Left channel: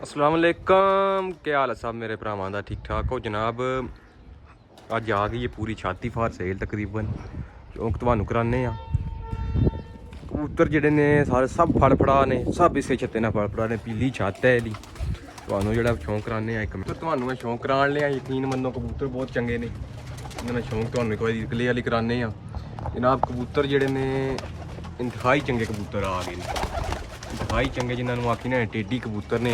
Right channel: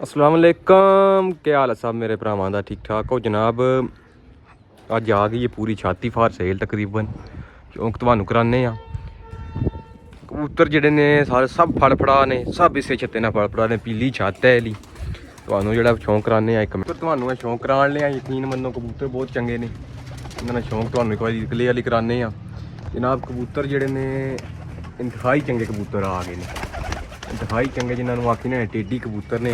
अस्सलाम वालेकुम, क्या हाल है सब मेरे भरावां दा? ठीक ठाक हो जनाब? अज आ गई है पूरी छाती फार सेल तकरीबन शौक तुहानू कराने आ। कबूतर जेह्ड़े ने सारे सब फड़फड़ा ने, सब इसे छत्ते ने फड़फड़ा ने, पीली छत्त है इहदी। तुहानू जेह्ड़ा शौक कराने आ इक तुहानू शौक करान लिया, यकीन मन्नो कबूतर बहुत चंगे ने, इन्हां दा शौक तुहानू इक बारी क्लियरली कराने आ जनाब। कबूतर जेह्ड़े ने इंतहाई चंगे कबूतर आ गए ने, इंतहाई चंगे जिन्होंने आखी ने टेडी कबूतर ने।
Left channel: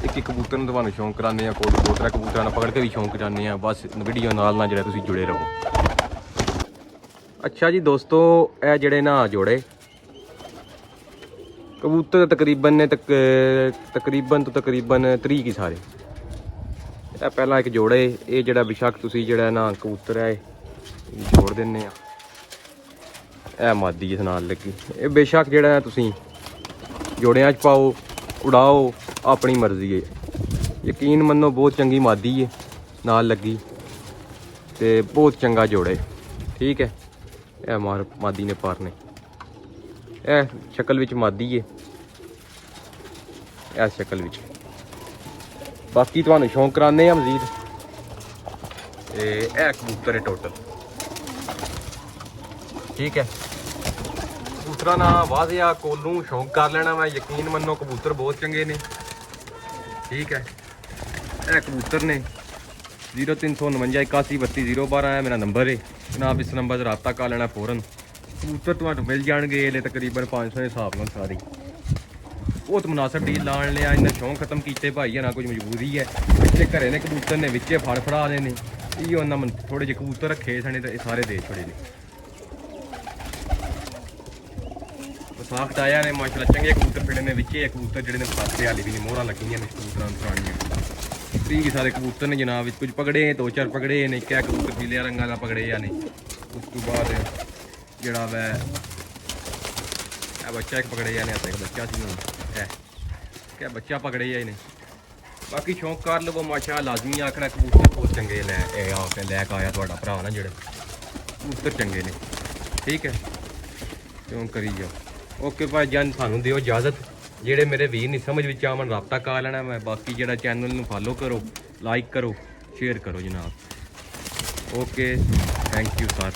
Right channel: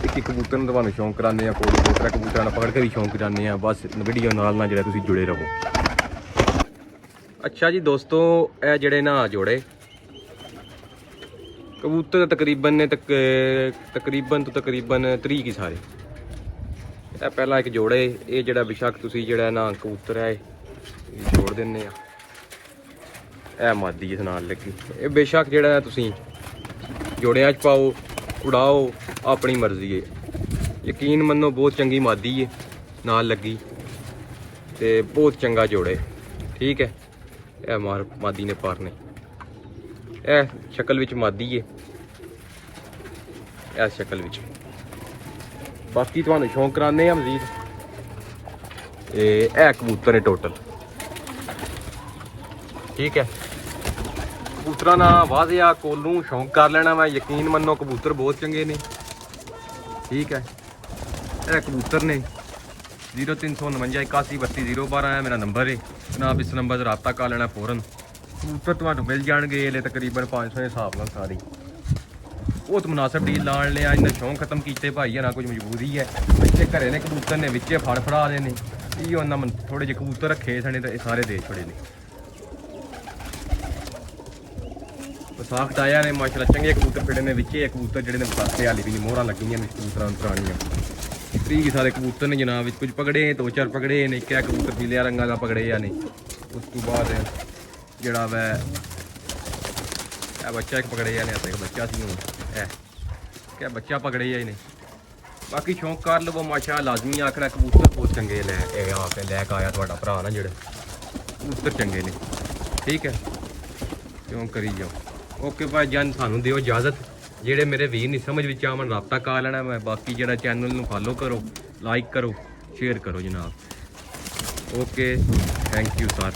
एक कबूतर में तुहानू शौक कराने आ, कोई दो त्रै कबूतर पकड़ के भी शौक कराने आ। बस वीडियो नाल जेह्ड़ा तुसीं जुड़े रहो। अच्छा जी दोस्तों, यह जेह्ड़े ना जोड़े कबूतर तकरीबन ने तकरीबन 30 की सारे। पहला एक जोड़े, ये जेह्ड़ा बेशक तुसीं जेह्ड़ा ना कबूतर है जोड़ दिन्ने आ, यह मादी इस नाल लगी। ये बेशक जेह्ड़ा तुसीं जोड़ियां च पाओ उड़ाओ, अपनी मर्जी है। यकीन मन्नो बहुत चंगी मादी है नाल लगी, ते बहुत चंगा जोड़े। ठीक है, यह मादी ने पारने, यह शक्ल विच मादी है, यह शक्ल विच। बाकी तुहानू शौक कराने आ मजीद। यह कबूतर है टोटल। ठीक है, कबूतरा ना वाजिया कोलू शौक कर लेना मैं, यकीन मन्नो कबूतर बहुत चंगे ने। ठीक है, यह कबूतर ने 0349 81 32 012 है मेरा नंबर है जनाब। इस नंबर से रब्ता कर लेना फौरन। कबूतर तुहानू मिल जाएंगे ये तकरीबन 500 के हिसाब नाल सारी। बहुत मुनासिब डील लाण लिया, इन्हें शौक खत्म किए भाई है ना, कुछ मजबूरी है। इतने घरे ने कबूतर ने विचे फड़ फड़ा रहे ने, इो उन्हें थोड़े जे कबूतर रखे सने तो सारे दे छोड़े ने। साफ आया ने माशाल्लाह, चंगे कबूतर फिरे ने विचे। कबूतर जेडे ने पासे हाली भी नहीं, मोहरा लगी कबूतर पुरानियां। 30 सारे कबूतर ने जनाब, कुछ पकड़े 2-4 पकड़े ने, क्या कबूतर पीले रंगा का पकड़े या नहीं। उस तो बाद जड़ा वै बच्चा एक पकड़े या नहीं, बच्चा है क्या बच्चा पकड़े या नहीं। बाकी शौक कर लो माशा, लाजमी आखना कबूतर बहुत चंगे लैक आया थोड़ा भरा ना, जेड़े कबूतर चंगे ने। ठीक है, क्यों करी जाओ। ओके भाई जान, सानू दिओ इजाजत। जेड़े मेरे वीर नहीं समझ विच आवन रब्ता कर लेना मैं। बाकी जेड़ा चैनल नू फॉलो करो, लाइक करो, शेयर करो जनाब। Okay, thank you sir.